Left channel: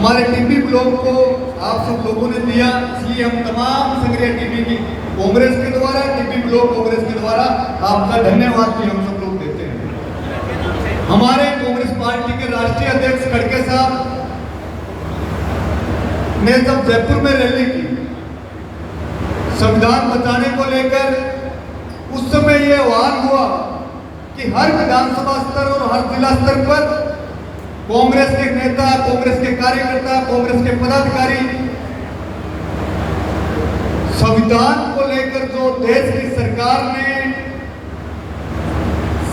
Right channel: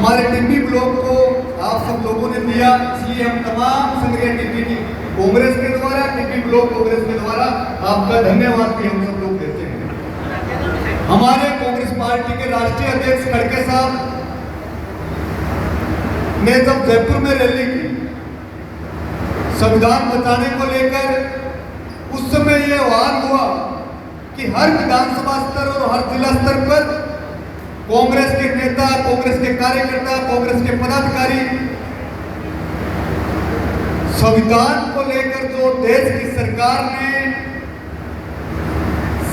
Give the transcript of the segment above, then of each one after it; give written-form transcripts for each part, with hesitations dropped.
हमारे TB block को आप सब लोगों ने दिया, इसलिए हम तमाम संग्रह टीबी की कांग्रेस के द्वारा, टीबी ब्लॉक कांग्रेस के द्वारा आपका धन्यवाद भी हम सब लोग देते हैं। हमारे कांग्रेस पार्टी के राष्ट्रीय अध्यक्ष खड़गे साहब ने जब जयपुर में रैली की संविधान बचाने को लेकर, उस समय यह आह्वान हुआ कि हर विधानसभा स्तर और हर जिला स्तर पर कांग्रेस के नेता, कांग्रेस के कार्यकर्ता, कांग्रेस के पदाधिकारी संविधान को लेकर जो देश की सरकार ने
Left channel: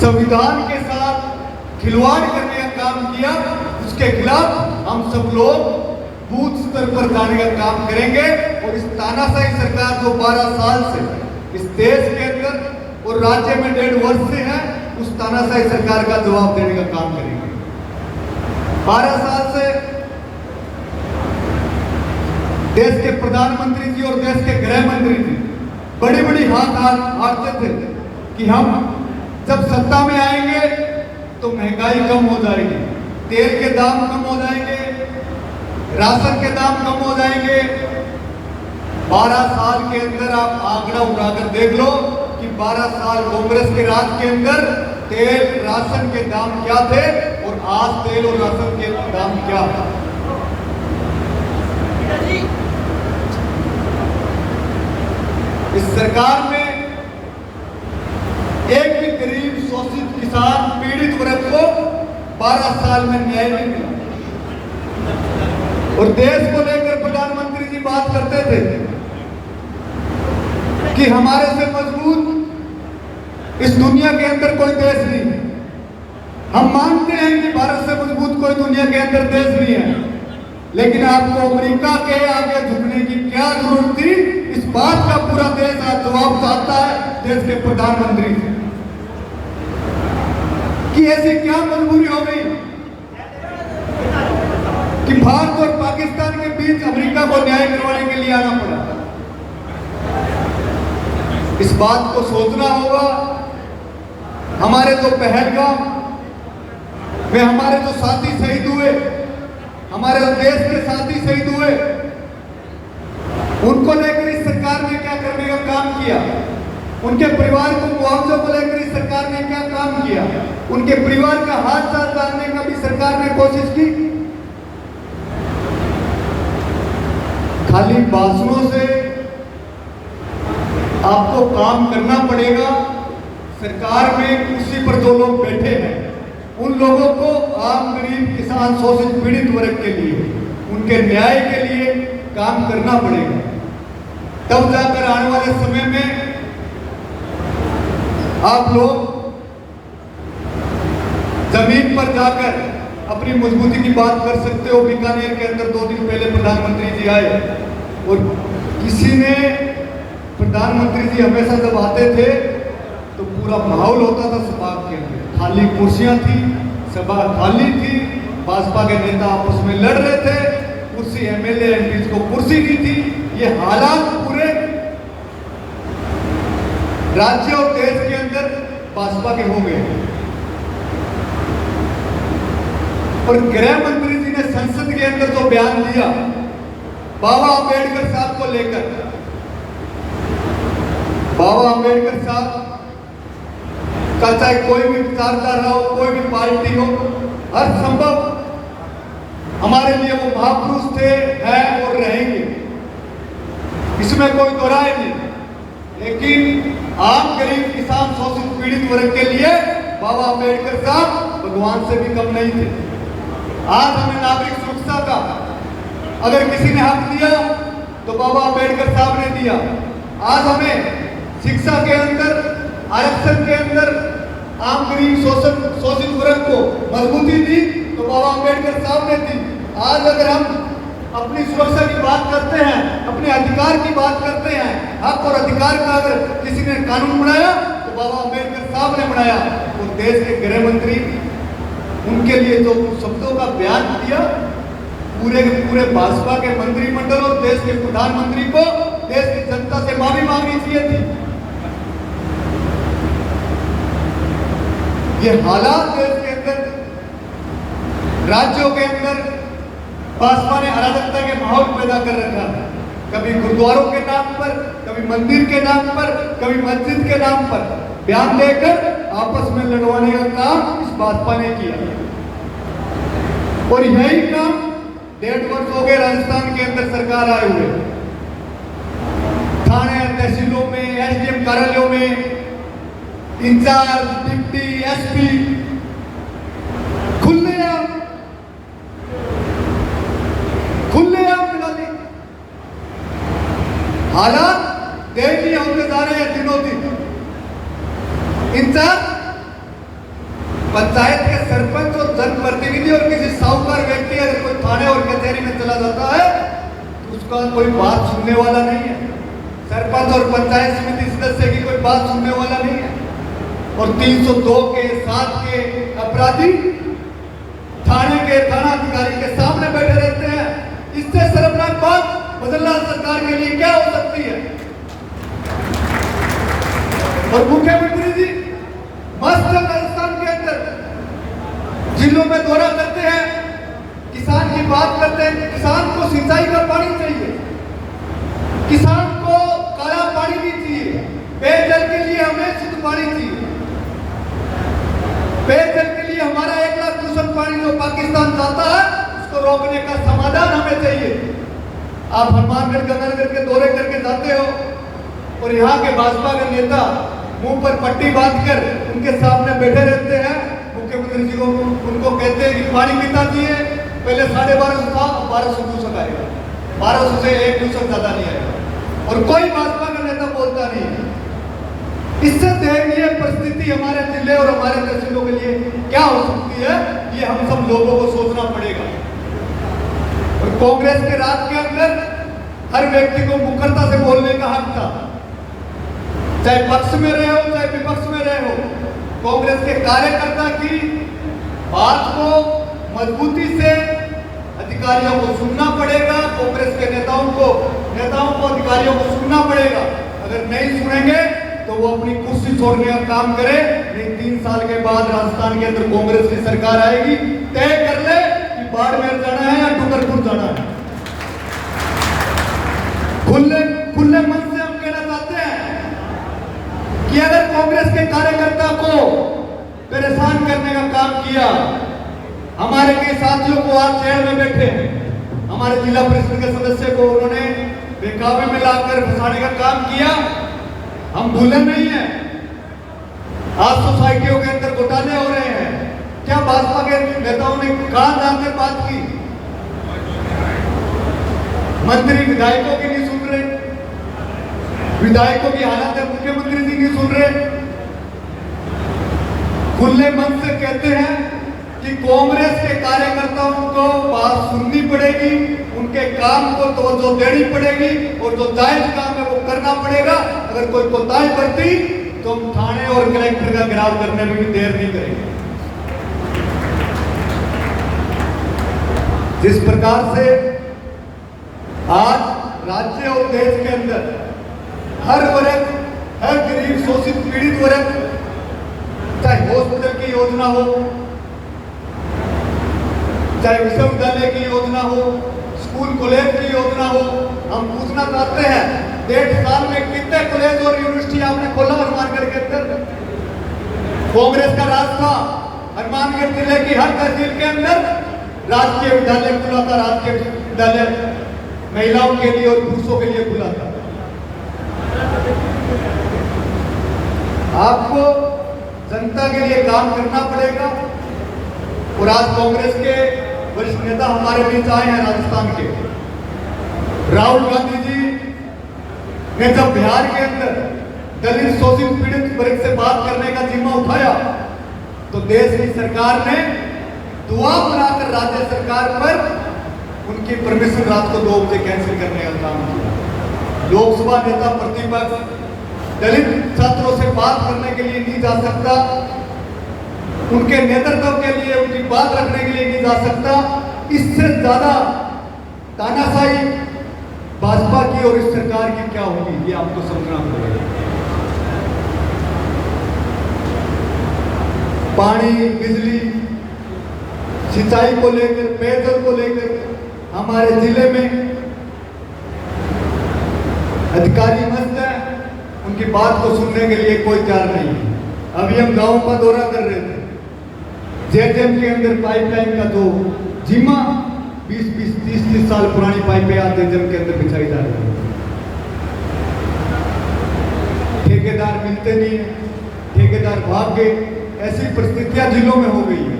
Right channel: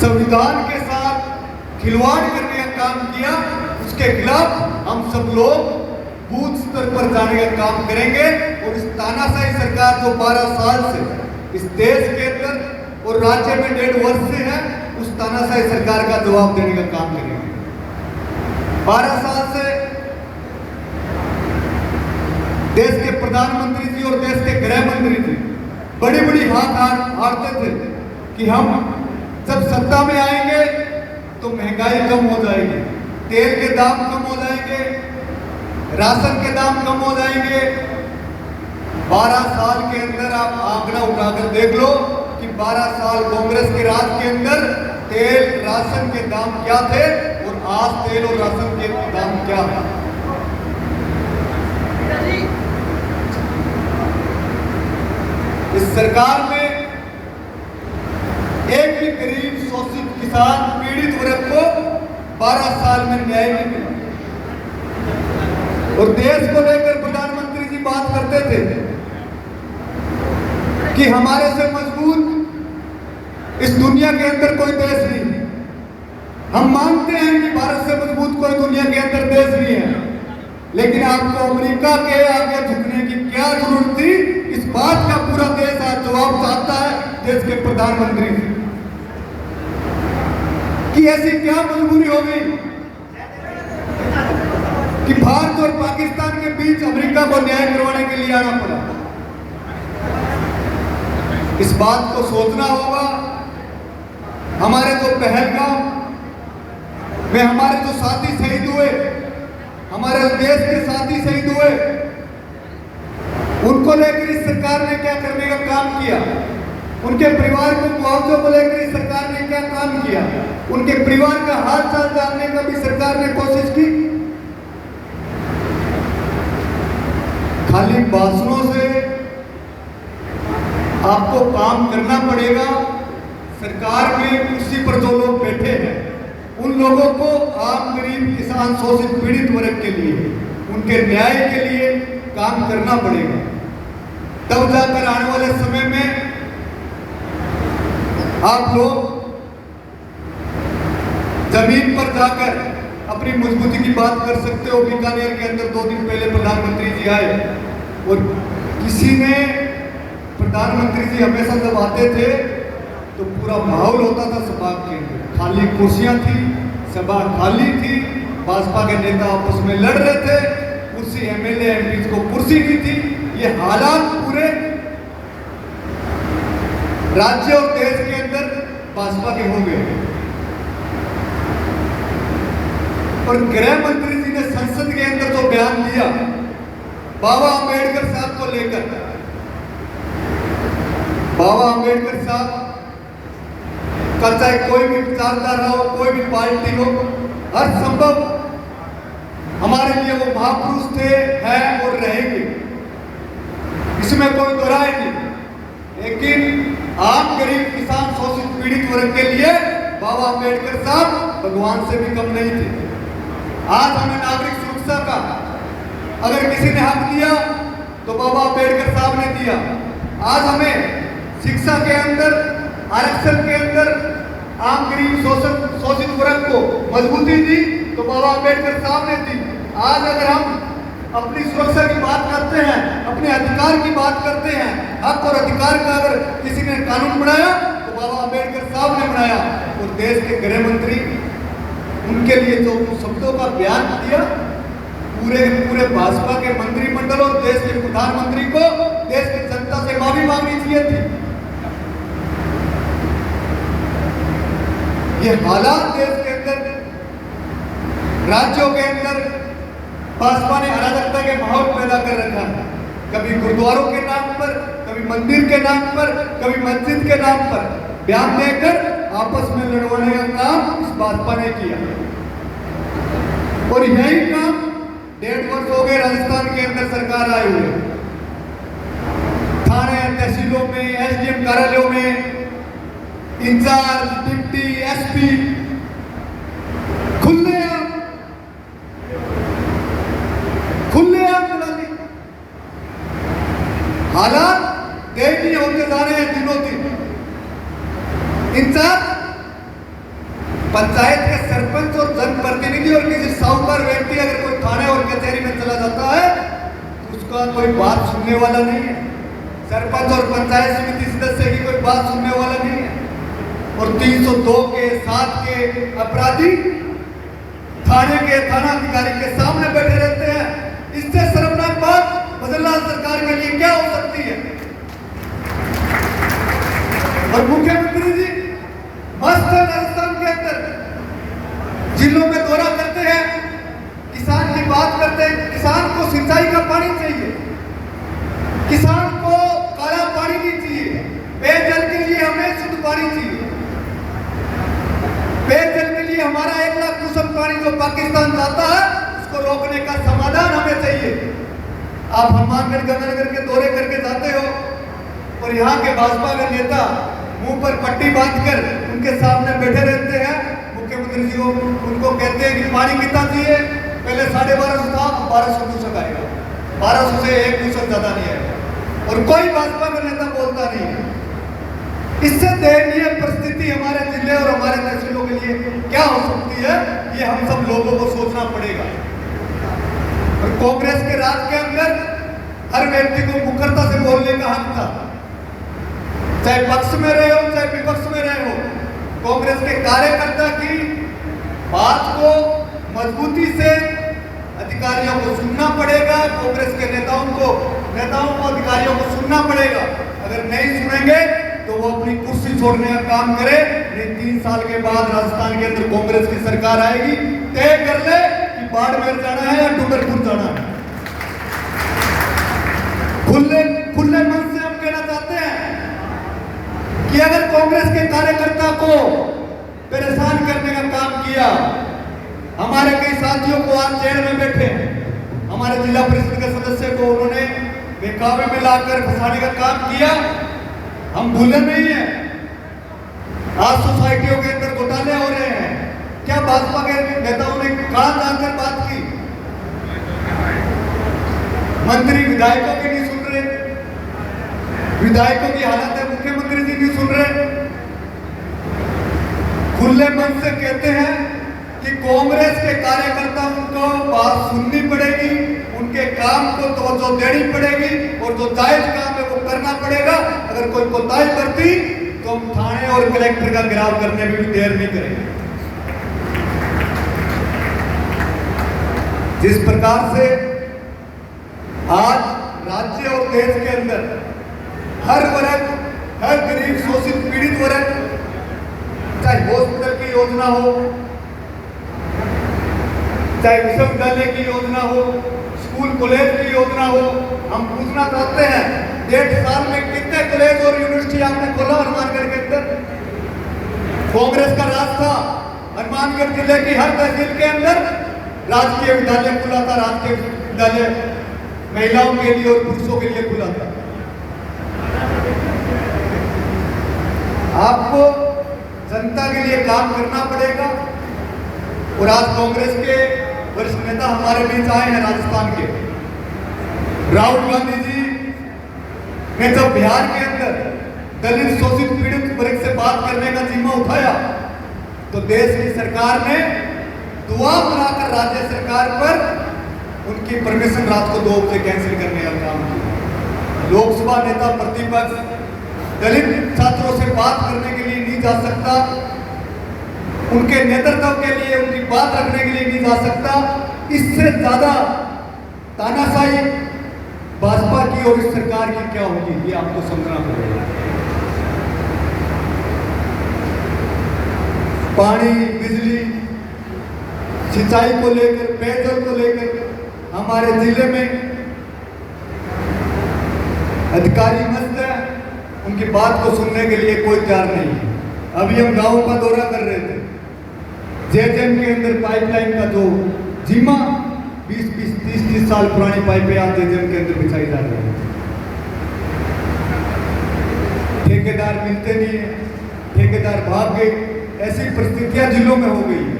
संविधान के साथ खिलवाड़ करने का काम किया, उसके खिलाफ हम सब लोग बूथ स्तर पर जाने का काम करेंगे और इस तानाशाही सरकार जो 12 साल से इस देश के अंदर और राज्य में 1.5 वर्ष से है, उस तानाशाही सरकार का जवाब देने का काम करेंगे। 12 साल से देश के प्रधानमंत्री जी और देश के गृह मंत्री जी बड़ी बड़ी हारते थे कि हम जब सत्ता में आएंगे तो महंगाई कम हो जाएगी, तेल के दाम कम हो जाएंगे, राशन के दाम कम हो जाएंगे। 12 साल के अंदर आप आंकड़ा उठाकर देख लो कि 12 साल कांग्रेस के राज के अंदर तेल राशन के दाम क्या थे और आज तेल और राशन के दाम क्या है। इस सरकार में एक भी गरीब शोषित किसान पीड़ित वर्ग को 12 साल में न्याय नहीं मिला। और देश को लेकर प्रधानमंत्री जी बात करते थे कि हमारे से मजबूत इस दुनिया के अंदर कोई देश नहीं। हम मानते हैं कि भारत से मजबूत कोई दुनिया के अंदर देश नहीं है, लेकिन आपको अमेरिका के आगे झुकने की क्या जरूरत थी? इस बात का पूरा देश आज जवाब चाहता है देश के प्रधानमंत्री से कि ऐसी क्या मजबूरी हो गई कि भारत और पाकिस्तान के बीच अमेरिका को न्याय करवाने के लिए आना पड़ा। इस बात को सोचना होगा। हमारे जो पहलगाम में हमारे जो साथी शहीद हुए, हमारे देश के साथी शहीद हुए, उनको लेकर इस सरकार ने क्या करने का काम किया? उनके परिवार को मुआवजे को लेकर इस सरकार ने क्या काम किया? उनके परिवार का हाथ साथ डालने का भी सरकार ने कोशिश की। खाली भाषणों से आपको काम करना पड़ेगा। सरकार में कुर्सी पर जो लोग बैठे हैं, उन लोगों को आम गरीब किसान शोषित पीड़ित वर्ग के लिए, उनके न्याय के लिए काम करना पड़ेगा। तब जाकर आने वाले समय में आप लोग जमीन पर जाकर अपनी मजबूती की बात कर सकते हो। बीकानेर के अंदर 2 दिन पहले प्रधानमंत्री जी आए और किसी ने, प्रधानमंत्री जी हमेशा जब आते थे तो पूरा माहौल होता था सभा के अंदर, खाली कुर्सियां थी, सभा खाली थी, भाजपा के नेता आपस में लड़ रहे थे, कुर्सी एमएलए एमपी को कुर्सी नहीं थी। ये हालात पूरे राज्य और देश के अंदर भाजपा के हो गए। और गृह मंत्री जी ने संसद के अंदर जो बयान दिया बाबा अम्बेडकर साहब को लेकर, बाबा अम्बेडकर साहब का चाहे कोई भी विचारधारा हो, कोई भी पार्टी हो, हर संभव हमारे लिए वो महापुरुष थे, हैं और रहेंगे, इसमें कोई दो राय नहीं। लेकिन आम गरीब किसान शोषित पीड़ित वर्ग के लिए बाबा अम्बेडकर साहब भगवान से भी कम नहीं थे। आज हमें नागरिक सुरक्षा का अगर किसी ने हक दिया तो बाबा अम्बेडकर साहब ने दिया। आज हमें शिक्षा के अंदर, आरक्षण के अंदर आम गरीब शोषित वर्ग को मजबूती दी तो बाबा अम्बेडकर साहब ने दी। आज अगर हम अपनी सुरक्षा की बात करते हैं, अपने अधिकार की बात करते हैं, हक और अधिकार का अगर किसी ने कानून बनाया तो बाबा अम्बेडकर साहब ने बनाया। तो देश के गृह मंत्री, उनके लिए जो शब्दों का बयान दिया, पूरे भाजपा के मंत्रिमंडल और देश के प्रधानमंत्री को देश की जनता से माफी मांगनी चाहिए थी। ये हालात देश के अंदर, राज्यों के अंदर भाजपा ने अराजकता के माहौल पैदा कर रखा है, कभी गुरुद्वारों के नाम पर, कभी मंदिर के नाम पर, कभी मस्जिद के नाम पर बयान देकर आपस में लड़वाने का काम इस भाजपा ने किया। और यही काम 1.5 वर्ष हो गए राजस्थान के अंदर सरकार आए हुए, थाने तहसीलों में, एसडीएम कार्यालयों में इंचार्ज, डिप्टी, एसपी खुलेआम दिलाली हालात दयनीय होते जा रहे हैं दिनों दिन। इंचार्ज पंचायत के सरपंच और जनप्रतिनिधि और किसी साहूकार व्यक्ति अगर कोई थाने और कचहरी में चला जाता है तो उसका कोई बात सुनने वाला नहीं है। सरपंच और पंचायत समिति सदस्य की कोई बात सुनने वाला नहीं है। और 302 के 7 के अपराधी थाने के थाना अधिकारी के सामने बैठे रहते हैं। इससे शर्मनाक बात बदलना सरकार के लिए क्या हो सकती है? और मुख्यमंत्री जी मस्त राजस्थान के अंदर जिलों में दौरा करते हैं, किसान की बात करते हैं। किसान को सिंचाई का पानी चाहिए, किसान को काला पानी नहीं चाहिए, पेयजल के लिए हमें शुद्ध पानी चाहिए। पेयजल के लिए हमारा 1 लाख क्यूसेक पानी जो पाकिस्तान जाता है उसको रोकने का समाधान हमें चाहिए। आप हनुमानगढ़ गंगानगर के दौरे करके जाते हो और यहाँ के भाजपा के नेता मुंह पर पट्टी बांधकर उनके सामने बैठे रहते हैं। मुख्यमंत्री जी को उनको कहते हैं कि पानी कितना चाहिए, पहले 1250 था, 1200 क्यूसेक आएगा, 1200 से 1 क्यूसेक ज्यादा नहीं आएगा और कोई भाजपा का नेता बोलता नहीं है। इससे दयनीय परिस्थिति हमारे जिले और हमारे तहसीलों के लिए क्या हो सकती है, ये हम सब लोगों को सोचना पड़ेगा। और कांग्रेस के राज के अंदर हर व्यक्ति को मुखरता से बोलने का हक था, चाहे पक्ष में रहे हो चाहे विपक्ष में रहे हो। कांग्रेस के कार्यकर्ता की बात को मजबूती से अधिकारियों को सुनना पड़ेगा, कांग्रेस के नेताओं को अधिकारियों को सुनना पड़ेगा। अगर नहीं सुनेंगे तो वो अपनी कुर्सी छोड़ने का काम करे। नहीं 3 साल के बाद राजस्थान के अंदर कांग्रेस की सरकार आएगी, तय कर ले कि बाड़मेर जाना है या डूंगरपुर जाना है। खुले मन से हम कहना चाहते हैं कि अगर कांग्रेस के कार्यकर्ता को परेशान करने का काम किया, हमारे कई साथियों को आज जेल में बैठे, हमारे जिला परिषद के सदस्य को उन्होंने बेकाबू में लाकर फंसाने का काम किया, हम भूले नहीं हैं। आज सोसाइटियों के अंदर घोटाले हो रहे हैं, क्या भाजपा के नेताओं ने कहां जाकर बात की? मंत्री विधायकों की नहीं सुन रहे, विधायकों की हालत है मुख्यमंत्री जी नहीं सुन रहे। खुले मन से कहते हैं कि कांग्रेस के कार्यकर्ताओं को बात सुननी पड़ेगी, उनके काम को तवज्जो देनी पड़ेगी और जो जायज काम है वो करना पड़ेगा। अगर कोई कोताही बरती तो हम थाने और कलेक्टर का घेराव करने में भी देर नहीं करेंगे। जिस प्रकार से आज राज्य और देश के अंदर हर वर्ग, हर गरीब शोषित पीड़ित वर्ग, चाहे हॉस्पिटल की योजना हो, चाहे विश्वविद्यालय की योजना हो, स्कूल कॉलेज की योजना हो, हम पूछना चाहते हैं 1.5 साल में कितने कॉलेज और यूनिवर्सिटी आपने खोला हनुमानगढ़ के अंदर? कांग्रेस का राज था, हनुमानगढ़ जिले की हर तहसील के अंदर राजकीय विद्यालय खुला था, राजकीय विद्यालय महिलाओं के लिए और पुरुषों के लिए खुला था। आपको जनता के लिए काम करना पड़ेगा। और आज कांग्रेस के वरिष्ठ नेता हमारे बीच आए हैं राजस्थान के। राहुल गांधी जी ने जब बिहार के अंदर दलित शोषित पीड़ित वर्ग से बात करने का जिम्मा उठाया तो देश की सरकार ने दुआ बनाकर राज्य सरकार पर उनकी परमिशन रात को 2 बजे कैंसिल करने का काम किया। लोकसभा नेता प्रतिपक्ष दलित छात्रों से बात करने के लिए नहीं जा सकता, उनके नेतृत्व के लिए, उनकी बात रखने के लिए नहीं जा सकता। इससे ज्यादा तानाशाही भाजपा की और इस सरकार की क्या होगी, ये आपको समझना पड़ेगा। पानी, बिजली, सिंचाई को लेकर, पेयजल को लेकर हमारे जिले में अधिकारी मस्त है, उनकी बात को सुनने के लिए कोई तैयार नहीं है। अभी हम गांव का दौरा कर रहे थे, जेजेएम के अंदर पाइपलाइन का जो जिम्मा 20-30 साल पुरानी पाइपें आज जेजेएम के अंदर बिछाई जा रही है। ठेकेदार मिलते नहीं है, ठेकेदार भाग गए, ऐसी परिस्थितियां जिलों में हो गई है।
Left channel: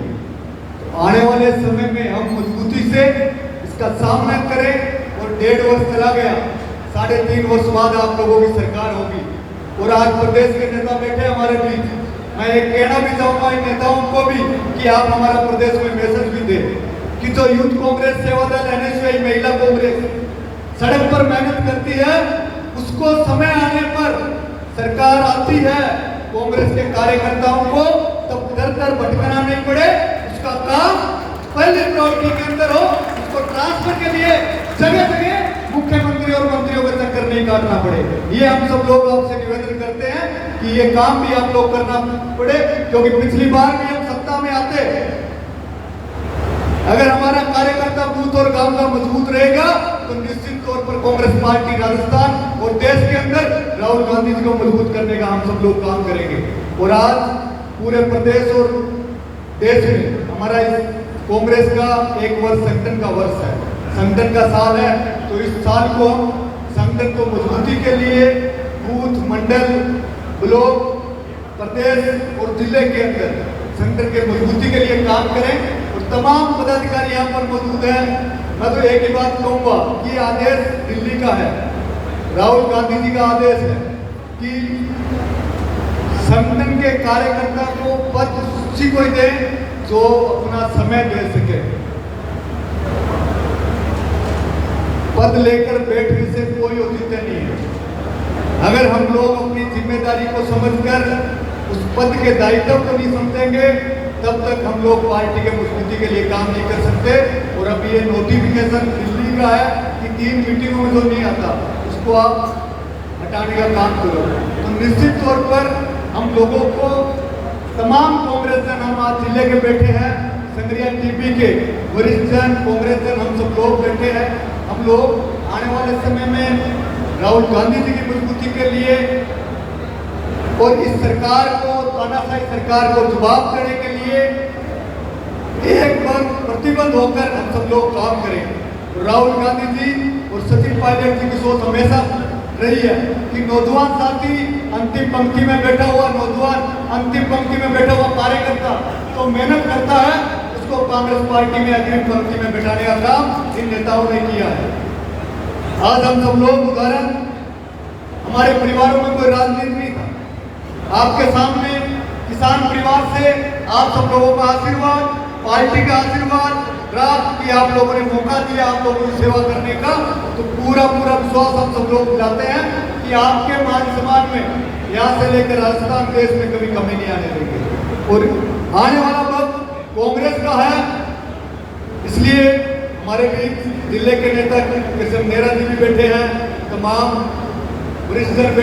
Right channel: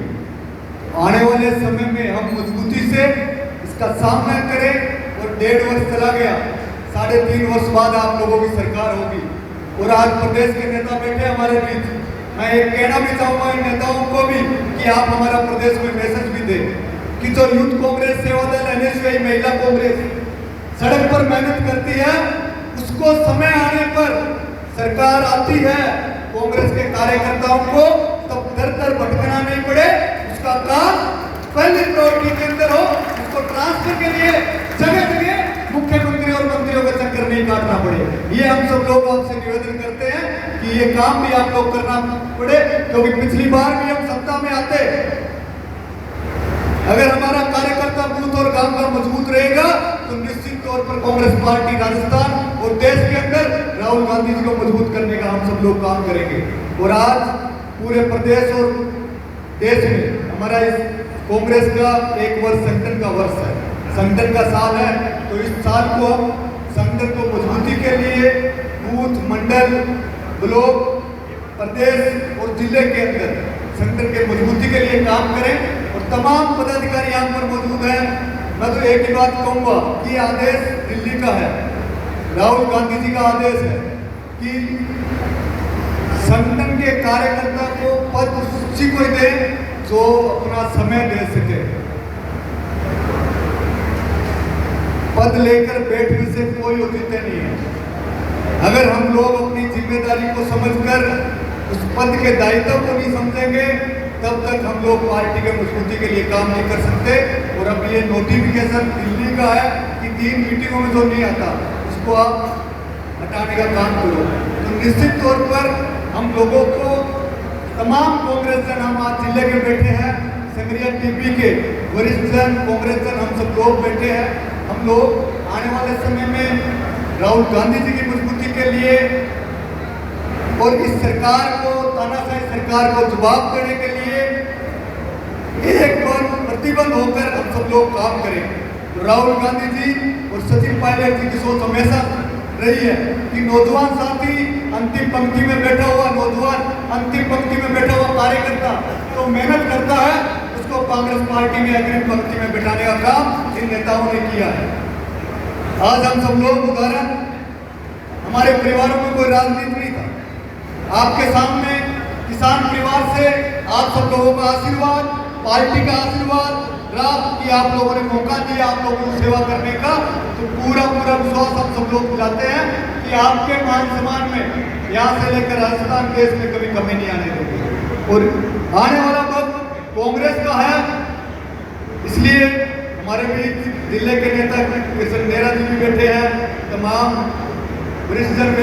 आने वाले समय में हम मजबूती से इसका सामना करें और 1.5 वर्ष चला गया, 3.5 वर्ष बाद आप लोगों की सरकार होगी और आज प्रदेश के नेता बैठे हमारे बीच। मैं एक कहना भी चाहूंगा इन नेताओं को भी कि आप हमारा प्रदेश में मैसेज भी दें कि जो यूथ कांग्रेस, सेवा दल, एनएसयूआई, महिला कांग्रेस सड़क पर मेहनत करती है, उसको समय आने पर सरकार आती है, कांग्रेस के कार्यकर्ताओं को तब दर भटकना नहीं पड़े, उसका काम पहले प्रायोरिटी के अंदर हो, उसको ट्रांसफर के लिए जगह जगह मुख्यमंत्री और मंत्रियों का चक्कर नहीं काटना पड़े। ये हम सब लोग आपसे निवेदन करते हैं कि ये काम भी आप लोग करना पड़े, क्योंकि पिछली बार भी हम सत्ता में आते, अगर हमारा कार्यकर्ता बूथ और गांव का मजबूत रहेगा तो निश्चित तौर पर कांग्रेस पार्टी राजस्थान और देश के अंदर राहुल गांधी जी को मजबूत करने का हम सब लोग काम करेंगे। और आज पूरे प्रदेश और देश में हमारा इस कांग्रेस का 1 वर्ष संगठन का वर्ष है, संगठन का साल है। तो इस साल को हम संगठन को मजबूती के लिए बूथ, मंडल, ब्लॉक, प्रदेश और जिले के अंदर संगठन के मजबूती के लिए काम करें। और तमाम पदाधिकारी यहाँ पर मौजूद हैं। मैं तो एक ही बात कहूँगा कि आदेश दिल्ली का है, राहुल गांधी जी का आदेश है कि संगठन के कार्यकर्ता को पद उसी को दे जो अपना समय दे सके। पद लेकर बैठने से कोई औचित्य नहीं है। अगर हम लोग अपनी जिम्मेदारी को समझकर उस पद के दायित्व को नहीं समझेंगे, तब तक हम लोग पार्टी के मजबूती के लिए काम नहीं कर सकते। और अब ये नोटिफिकेशन दिल्ली का है कि 3 मीटिंगों में जो नहीं आता उसको आप हटाने का काम करो। तो निश्चित तौर पर हम लोगों को तमाम कांग्रेस जन, हम आज जिले के बैठे हैं, संग्रिया टीपी के वरिष्ठ जन, कांग्रेस जन, हम सब लोग बैठे हैं। हम लोग आने वाले समय में राहुल गांधी जी की मजबूती के लिए और इस सरकार को, तानाशाही सरकार को जवाब देने के लिए एक बार प्रतिबद्ध होकर हम सब लोग काम करें। तो राहुल गांधी जी और सचिन पायलट जी की सोच हमेशा रही है कि नौजवान साथी, अंतिम पंक्ति में बैठा हुआ नौजवान, अंतिम पंक्ति में बैठा हुआ कार्यकर्ता तो मेहनत करता है, उसको कांग्रेस पार्टी में अग्रिम पंक्ति में बैठाने का काम इन नेताओं ने किया है। आज हम सब लोग उदाहरण, हमारे परिवारों में कोई राजनीति नहीं था, आपके सामने किसान परिवार से आप सब लोगों का आशीर्वाद, पार्टी का आशीर्वाद रहा कि आप लोगों ने मौका दिया आप लोगों की सेवा करने का। तो पूरा विश्वास हम सब लोग दिलाते हैं कि आपके मान सम्मान में यहाँ से लेकर राजस्थान देश में कभी कमी नहीं आने देंगे। और आने वाला वक्त कांग्रेस का है, इसलिए हमारे बीच जिले के नेता कृष्ण नेहरा जी भी बैठे हैं, तमाम वरिष्ठ जन